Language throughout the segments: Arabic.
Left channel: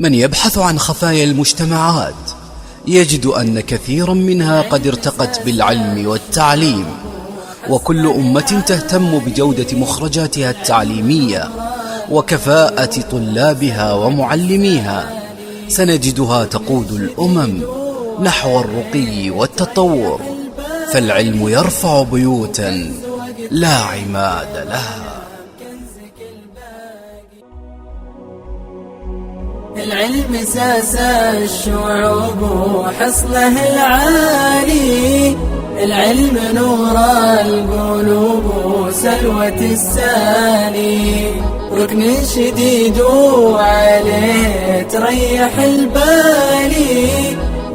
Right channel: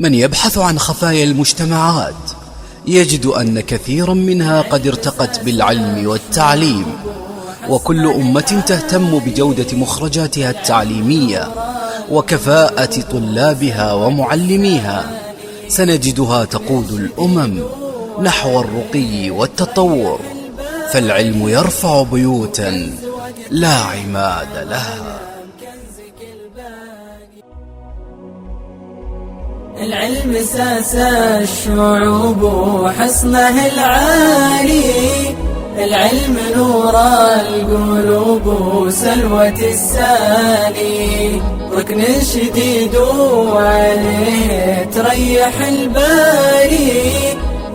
من يبحث عن خفايا المجتمعات يجد أن كثيرا منها قد ارتقت بالعلم والتعليم، وكل أمة تهتم بجودة مخرجاتها التعليمية وكفاءة طلابها ومعلميها سنجدها تقود الأمم نحو الرقي والتطور، فالعلم يرفع بيوتا لا عماد لها. العلم ساس الشعوب وحصنه العالي، العلم نور القلوب وسلوة الساني، ركن شديد وعليه تريح البالي،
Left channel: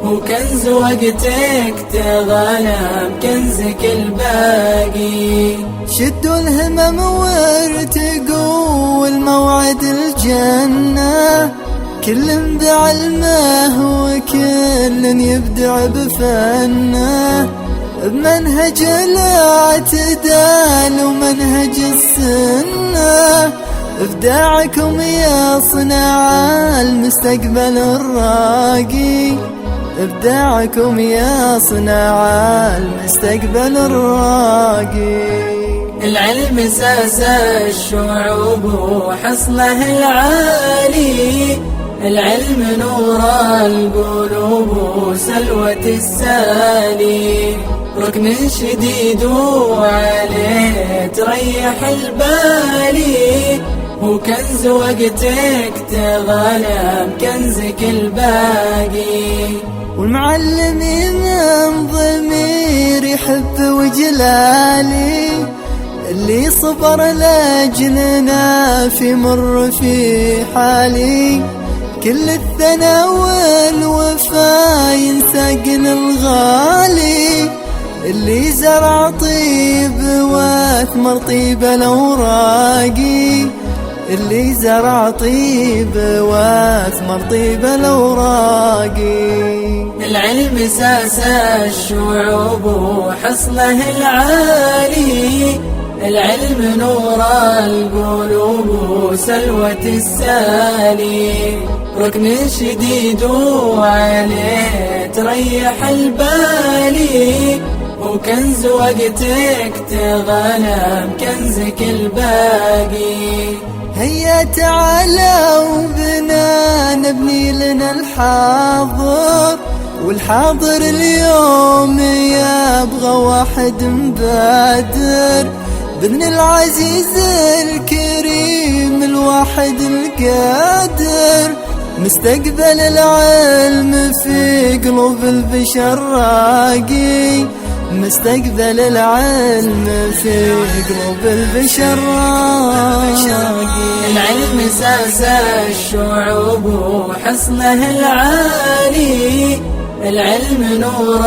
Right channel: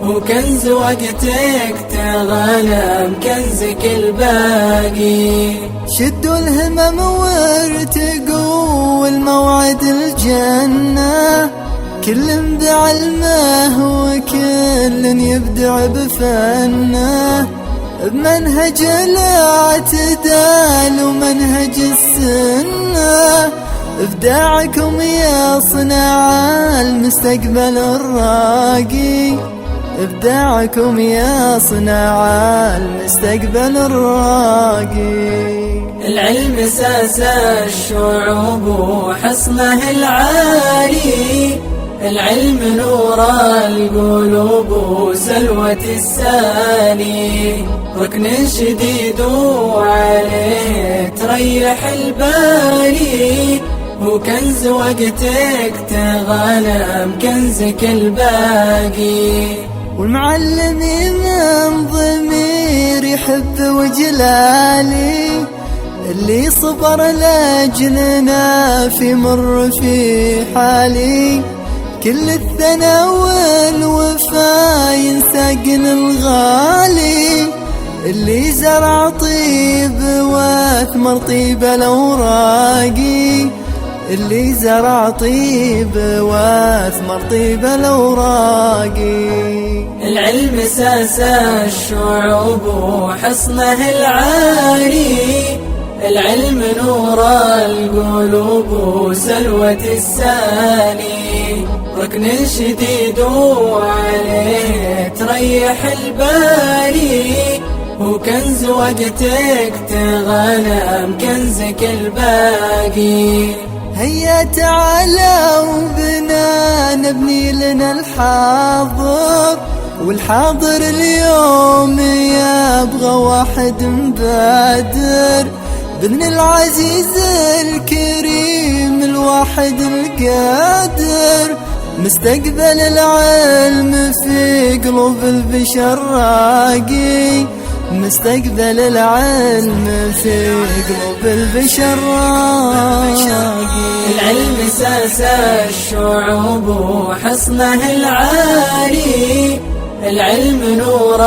وكنز وقتك تغنم كنزك الباقي. شدوا الهمم وارتقوا الموعد الجنة، كل بعلمه وكل يبدع بفنه، بمنهج الاعتدال ومنهج السنة، ابداعكم يصنع المستقبل الراقي، ابداعكم يصنع المستقبل الراقي. العلم ساس الشعوب وحصنه العالي، العلم نور القلوب وسلوة الساني، ركن شديد وعليه تريح البالي، وكنز وقتك تغنم كنزك الباقي. والمعلم من ضمير يحب وجلالي، اللي صبر لاجلنا في مر في حالي، كل الثنا والوفا ينساقن الغالي، اللي زرع طيب واثمر طيب الاوراقي، اللي زرع طيب واثمر طيب الاوراقي. العلم ساس الشعوب وحصنه العالي، العلم نور القلوب وسلوة الساني، ركن شديد وعليه تريح البالي، وكنز وقتك تغنم كنزك الباقي. هيا تعالوا بنا نبني لنا الحاضر، والحاضر اليوم يبغى واحد مبادر، بإذن العزيز الكريم الواحد القادر، مستقبل العلم في قلوب البشر راقي، مستقبل العلم في قلوب البشر راقي. العلم ساس الشعوب وحصنه العالي، العلم نور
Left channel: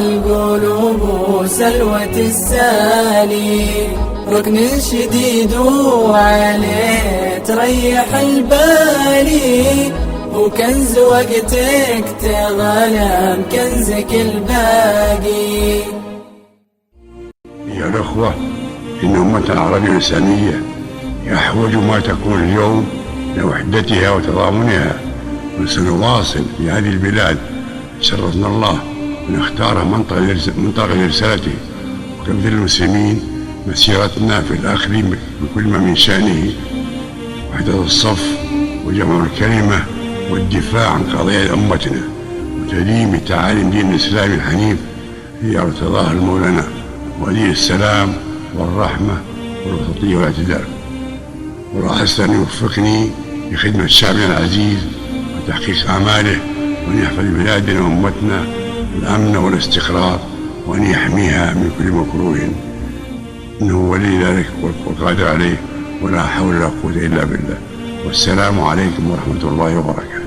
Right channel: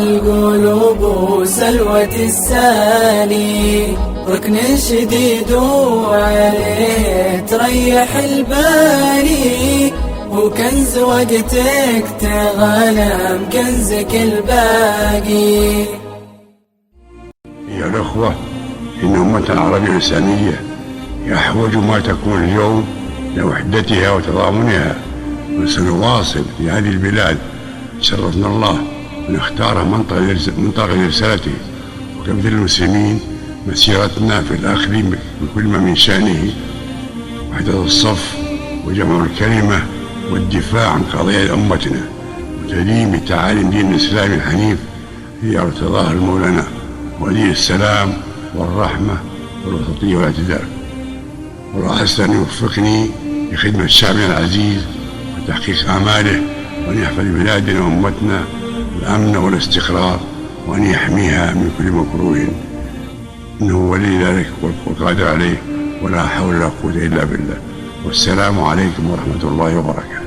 القلوب وسلوة الساني، ركن شديد وعليه تريح البالي، وكنز وقتك تغنم كنزك الباقي. أيها الأخوة، إن أمتنا العربية الإسلامية أحوج ما تكون اليوم لوحدتها وتضامنها، وسنواصل في هذه البلاد شرفنا الله أن اختار منطقة لرسالته، وكمثل المسلمين مسيرتنا في الأخذ بكل ما من شأنه وحدة الصف وجمع الكلمة والدفاع عن قضايا أمتنا وتديم تعاليم دين الإسلام الحنيف هي ارتضاها المولى ولي السلام والرحمة والوسطية والاعتدال. والله حسن أن يوفقني لخدمة شعبنا العزيز وتحقيق أعماله، وأن يحفظ بلادنا وأمتنا الأمن والاستقرار، وأن يحميها من كل مكروه، إنه ولي ذلك والقادر عليه، ولا حول ولا قوة إلا بالله. والسلام عليكم ورحمة الله وبركاته.